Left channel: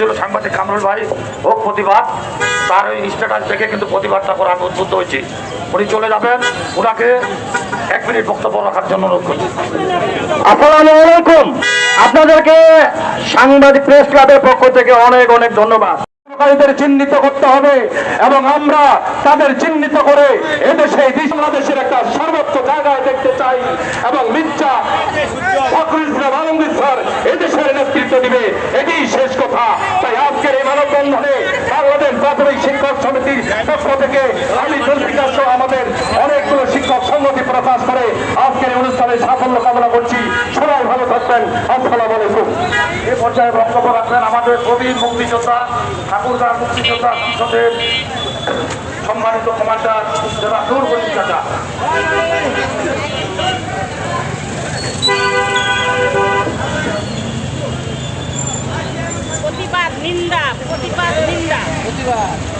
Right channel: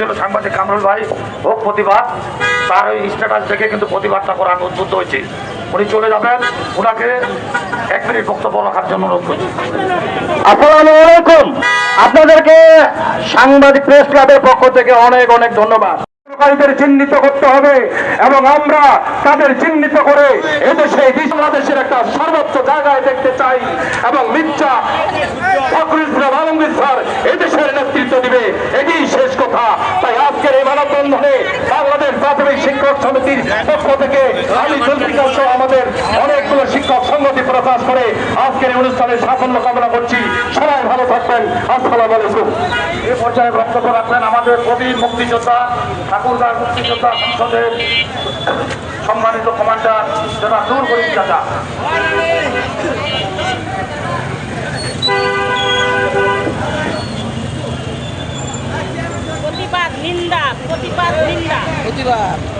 করছিল সাংবাদিক কামরুল ভাই, ও প্রতিবাদ। তার ওই স্ট্যাটাস দেখে কিন্তু প্রতিবাদটা করা আমি উদ্বুদ্ধ হয়েছি। উনি চলে যাবেন। ওনাকে এক মিনিট বক্তব্য রাখার জন্য অনুরোধ করছি। আসসালামু আপনাদেরকে সাংবাদিক প্রেস ক্লাবের পক্ষ থেকে অনেক অনেক ধন্যবাদ। চিহ্নিত করতে হবে এবং আমরা তাদের চিহ্নিত করে এদেশে, বাংলাদেশের একটা সর্বোচ্চ জায়গায় দেখতে চাই এবং মিথ্যা ফখরুল ইসলাম স্যার এদেশের নেতৃত্ব দিবে। এটি শেষ কথা তাই আজকের এই মানববন্ধনে বাংলাদেশ প্রাথমিক শিক্ষক সমিতির পক্ষ থেকে আলী চন্দ্রিকা সহ আমাদের অনেকগুলো শিক্ষক সংগঠন প্রকাশ করে আজকের অনুষ্ঠানে সাফল্য কামনা করছি। সবাই ভালো থাকবেন। আসসালামু আলাইকুম। এ পর্যায়ে বক্তব্য রাখলেন আমাদের প্রবীণ মুক্তিযোদ্ধা ঠাকুরগাঁর মুক্তিযোদ্ধা সম্মানিত কমান্ডার জনাব নূর প্রতিবাদ নিন্দা প্রতিবাদ নিন্দা। প্রতিবাদ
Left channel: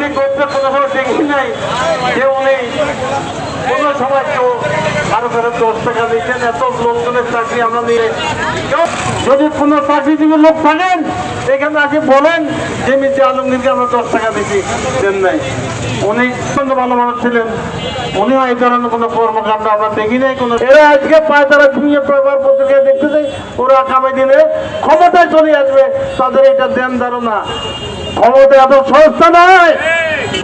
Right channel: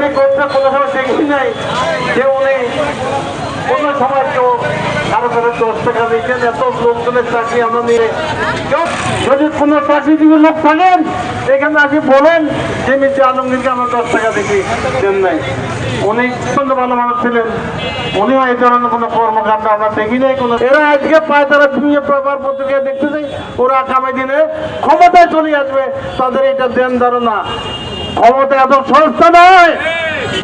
রাজনীতি করতে কোনো সময় দেখি নাই। যে উনি কোনো সময় কেউ কারও কারও দশ টাকা দিচ্ছেন এত লোকজনের চাকরি আমরা নিয়ে? যদি কোনো চাকরিজীবী লোক থাকেন, এখানে আসি বলেন, যে মির্জা আলমগীরকে আমরা দশ টাকা দিচ্ছি দেন নাই। উনি অত্যন্ত ভালো মানুষ ছিলেন। উনিও এই ধরনের কোনো কর্মকাণ্ড আমরা দেখি নাই। কোনো এরা আজকে পায় তারা ভুঁয়ে প্রবার পত্রিকা দেখতে চাই ওরা আগামী দিনে ক্ষমতায় চলে আসবে। তাদের এটা দেন ধারণা। ক্ষমতা এত সস্তা নয়।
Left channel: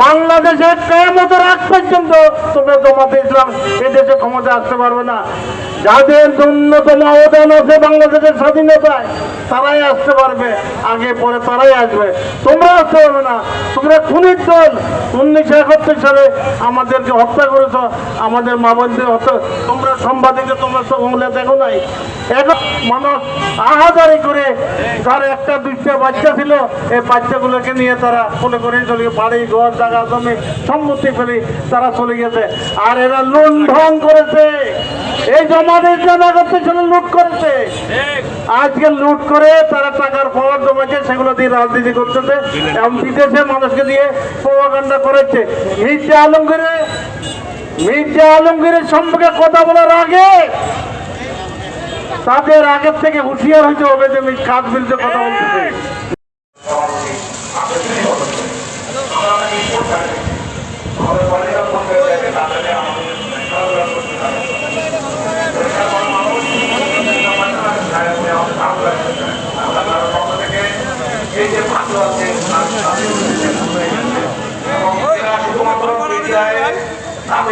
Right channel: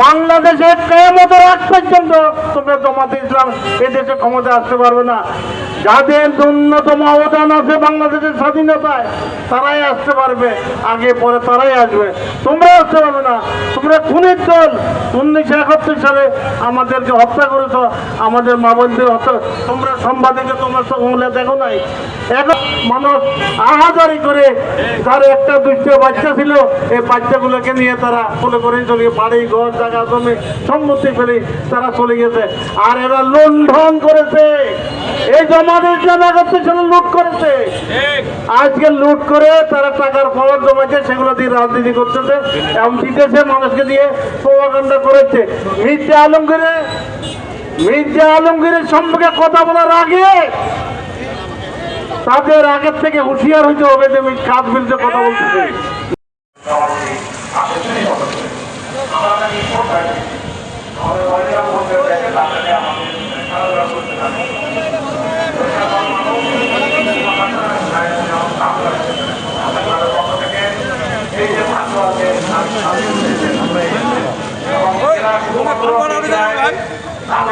বাংলাদেশে কেমতের আগ পর্যন্ত তুমি জমাতে ইসলাম এদেশে ক্ষমতা আসতে পারবে না। যাদের ন্যূনতম অবদান আছে বাংলাদেশের স্বাধীনতায়, তারাই আসতে পারবে। আগে পরে তারাই আসবে। তোমরা আসতে পারবে না। তোমরা খুনির দল। উনিশশো একাত্তর সালে আমাদেরকে হত্যা করেছ। আমাদের মা বোনদের হত্যা। তোমরা সাংবাদিকে, তোমরা সকলে দেখো নাই। এখন মানুষ আহাজারি করে যার একটা দুইটা বাচ্চা ছিল। এই বাচ্চাগুলোকে নিয়ে তারা মনে করে চলে। বাড়ি ঘর জায়গা জমি সম্পত্তি ফেলে তারা চলে গেছে। আর এরা লুণ্ঠন করেছে। এই জমাদের লুট করেছে। আজকে লুট করে তারা টাকার সেগুলো দিয়ে রাজনীতি করতেছে। এবং বিদেশে মানুষকে দিয়ে করেছে। মির্জা আলমগীরে মির্জা আলমগীরের সম্পর্কে কথা বলার আগে তাদের আগের থেকে হুঁশিয়ার হইতে হবে যে কাজ বিরুদ্ধে কথা বলতেছে।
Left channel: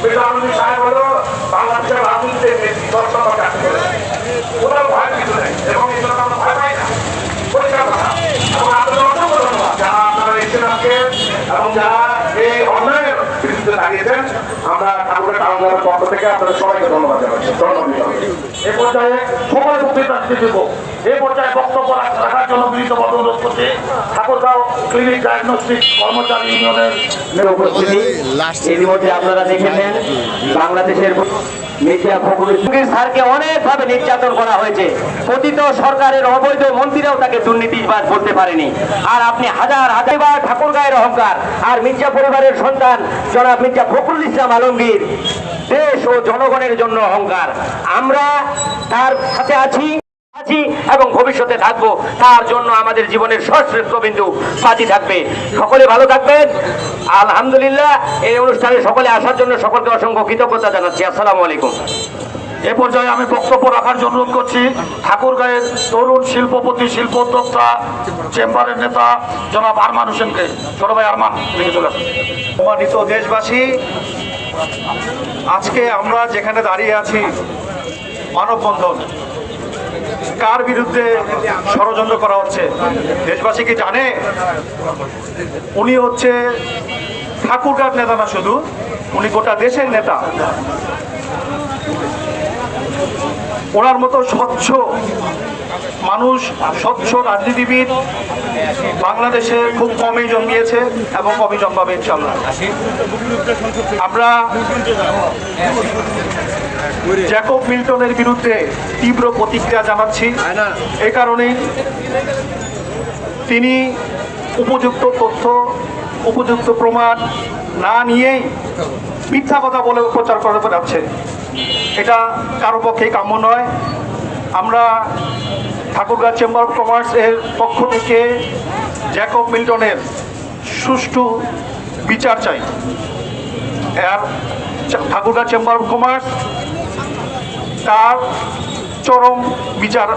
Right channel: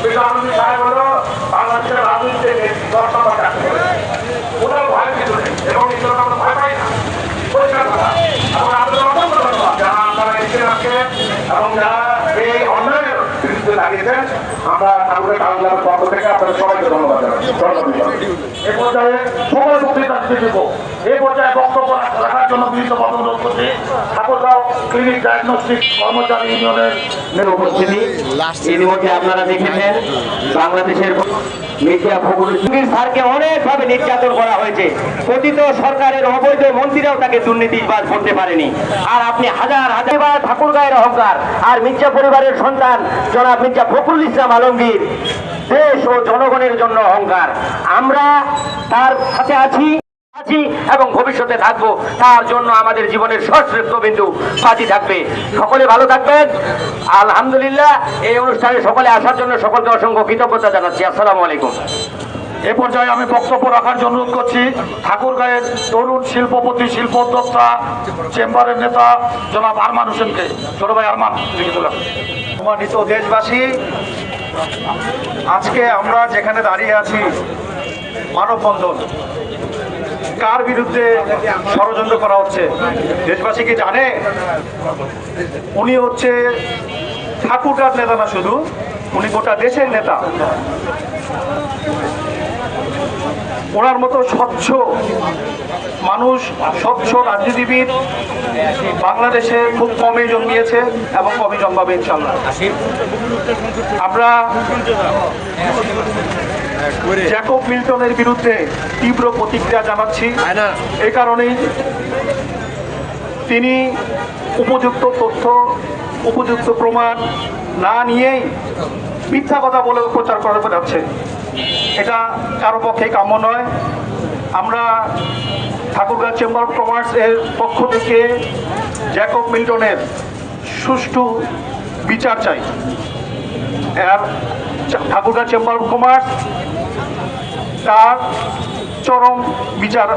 সেটা আমি সাহেব হলো বাংলাদেশের রাজনীতিতে নম্বর কাছে ওনার ভয় কিছু নেই, এবং জন্য আমরা ভয় না এবং যারা এই লাগিয়েছেন আমরা ঠাকুরের কাউন্টারের পক্ষ থেকে আপনাদের সবাইকে ধন্যবাদ জানাচ্ছি। ধন্যবাদ। এই পর্যায়ে সকলে বক্তৃতা দিব এই পর্যায়ে বক্তব্য রাখার জন্য বিভিন্ন পদ অনুরোধ করছে। ঠাকুরগাঁও ক্লিনিক ডায়াগনস্টিক কর্মচারী ইউনিয়নের উপস্থিতি ইতিমধ্যে আপনারা দেখেছেন বাংলাদেশের স্যারকে অনেকভাবে নির্যাতন করা হয়েছে। কথিত সরকারের অবৈধ মন্ত্রীরাও তাকে দুর্নীতিবাজ করতে পারেনি। আর আপনি হাজার হাজার ঠাকুর ঠাকুরগাঁয়ের অহংকার আর মির্জা পরিবারের সন্তান জনাব মির্জা ফখরুল ইসলাম আলমগীর, দেশ ও জনগণের জন্য অহংকার। আমরা তার সাথে আছি। আছি এবং ভবিষ্যতে থাকব তার জন্য আমাদের জীবনের সশ্রেষ্ঠ বিন্দু বাজি থাকবে। সকলে ভালো থাকবেন। আলহামদুলিল্লাহ এই অনুষ্ঠানে সকলে আসার জন্য সকলকে অসংখ্য কৃতজ্ঞতা জানাচ্ছি। আসসালামু আলাইকুম। এ পর্যায়ে আমি বক্তব্য রাখার জন্য অনুরোধ করছি ঠাকুরগাঁয়ের তরুণ শিল্পপতি শিল্প উদ্যোক্তা চেম্বারের নেতা জনাব আরমান হোসেনকে। ছোট ভাই আরমান। সম্মানিত দেশবাসী আজকে আমরা যেখানে দাঁড়িয়ে আছি মানববন্ধন। কার বিরুদ্ধে ষড়যন্ত্র করা হচ্ছে? দেশবাসী কি জানে? উনি হচ্ছে ঠাকুরগার নেতা না শুধু, উনি গোটা দেশের নেতা। ওনার মতো স্বচ্ছ মানুষ, স্বচ্ছ রাজনীতিবিদ বাংলাদেশে খুব কমই জন্মিয়েছে এবং কমই জন্মাবে ইনশাল্লাহ আমরা জ্যাকব মিল্টনের বিরুদ্ধে তীব্র প্রতিক্রিয়া জানাচ্ছি। এ কারণেই তিনি উপযুক্ত তথ্য উপযুক্ত প্রমাণ না নিয়েই মিথ্যা কথা বলে প্রচার করে যাচ্ছে। এটা কারও পক্ষে কাম্য নয়। আমরা ঠাকুরগাঁ চেম্বার অফ কমার্স এর পক্ষ থেকে জ্যাকব মিল্টনের সুষ্ঠু বিচার চাই। ঠাকুরগাঁ চেম্বার অফ কমার্স তার চরম বিচার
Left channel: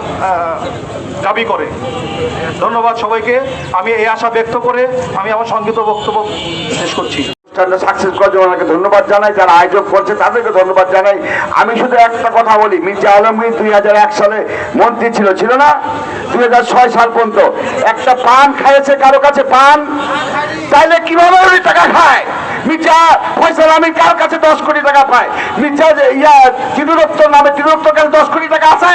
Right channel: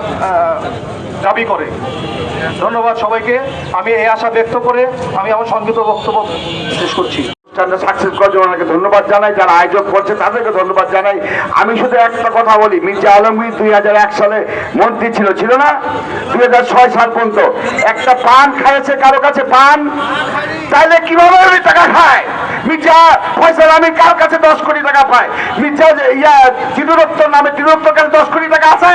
দাবি করে। ধন্যবাদ সবাইকে। আমি এই আশা ব্যক্ত করে আমি আমার সংগীত বক্তব্য শেষ করছি। অনুষ্ঠানটা সাকসেস ওনাকে ধন্যবাদ জানাই, যারা আয়োজক করছে তাদেরকে ধন্যবাদ জানাই। আমি শুধু একটা কথা বলি, মির্জা আলমগীর দুই হাজার এক সালে মন্ত্রী ছিল ছিল না? দুই হাজার ছয় সাল পর্যন্ত। একটা পান কারও কাছে? পান? কীভাবে ওই টাকা খায়? মির্জা ফয়সাল আমিন কার কাছে দশ কোটি টাকা পায়? মির্জা ইয়া তিরুরত্ত নামে তিরুরত্তর কাছে দশ কোটি টাকা আছে?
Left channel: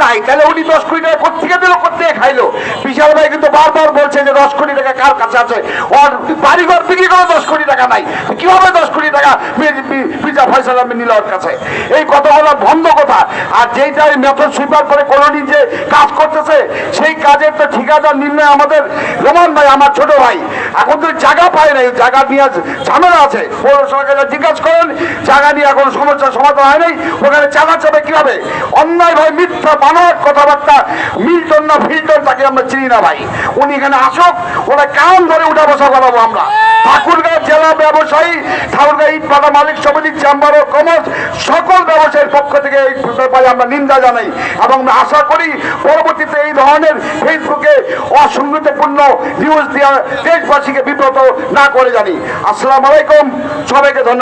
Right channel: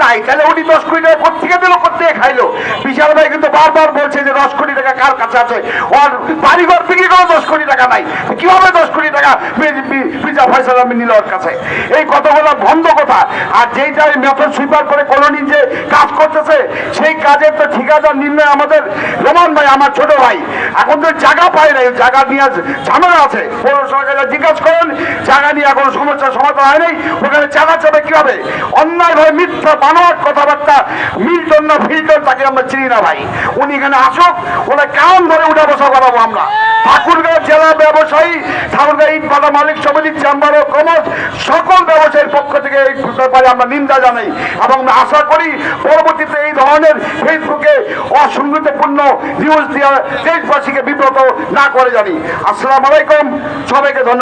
নাই তাহলে উনি দশ কোটি টাকা কোথেকে দিল কোথেকে খাইলো? বিশাল ভাই কিন্তু বারবার বলছে যে দশ কোটি টাকা কার কাছে আছে? ওর বাড়িঘর বিক্রি করে দশ কোটি টাকা নাই। কীভাবে দশ কোটি টাকা পিজা ফয়সাল আমিন নিল ওর কাছে? এই কথাগুলো বন্ধ কথা। আর যেইটা মেথড সুইপার করে কলোনি যে কাজ করতেছে, সেই কাজের তো ঠিকাদার নির্ণয় আমাদের রোমান ভাই, আমার ছোট ভাই। এখন তো জায়গা পায় নাই, জায়গা নিয়ে ঝামেলা আছে। পৌরসভাকে জিজ্ঞাসা করেন, জায়গা নিয়ে এখন সমস্যার সমাধান হয়নি ওখানে জায়গা চাবে কীভাবে? অন্যায় ভাই, মিথ্যা বানর কথাবার্তা, মিল্টন না ফিল্টন, তাকে আমরা চিনি না ভাই। উনি এখানে আসুক, ওরা কারণ ধরে উঠা বসা করাবো আমরা। ঠাকুরগাঁও জেলা ব্যবসায়ী ঠাকুরগাঁও ইট পাতা মালিক সমিতি চেম্বার ও কমার্স সকল ব্যবসায়ীর পক্ষ থেকে এই ব্যাপারে আমরা নিন্দা জানাই এবং আশা করি পরবর্তীতে এই ধরনের ফেসবুকে অসংগতিপূর্ণ নিউজ দিয়ে দেশবাসীকে বিব্রত না করে জানি। আসসালাম আলাইকুম, সবাইকে ধন্যবাদ।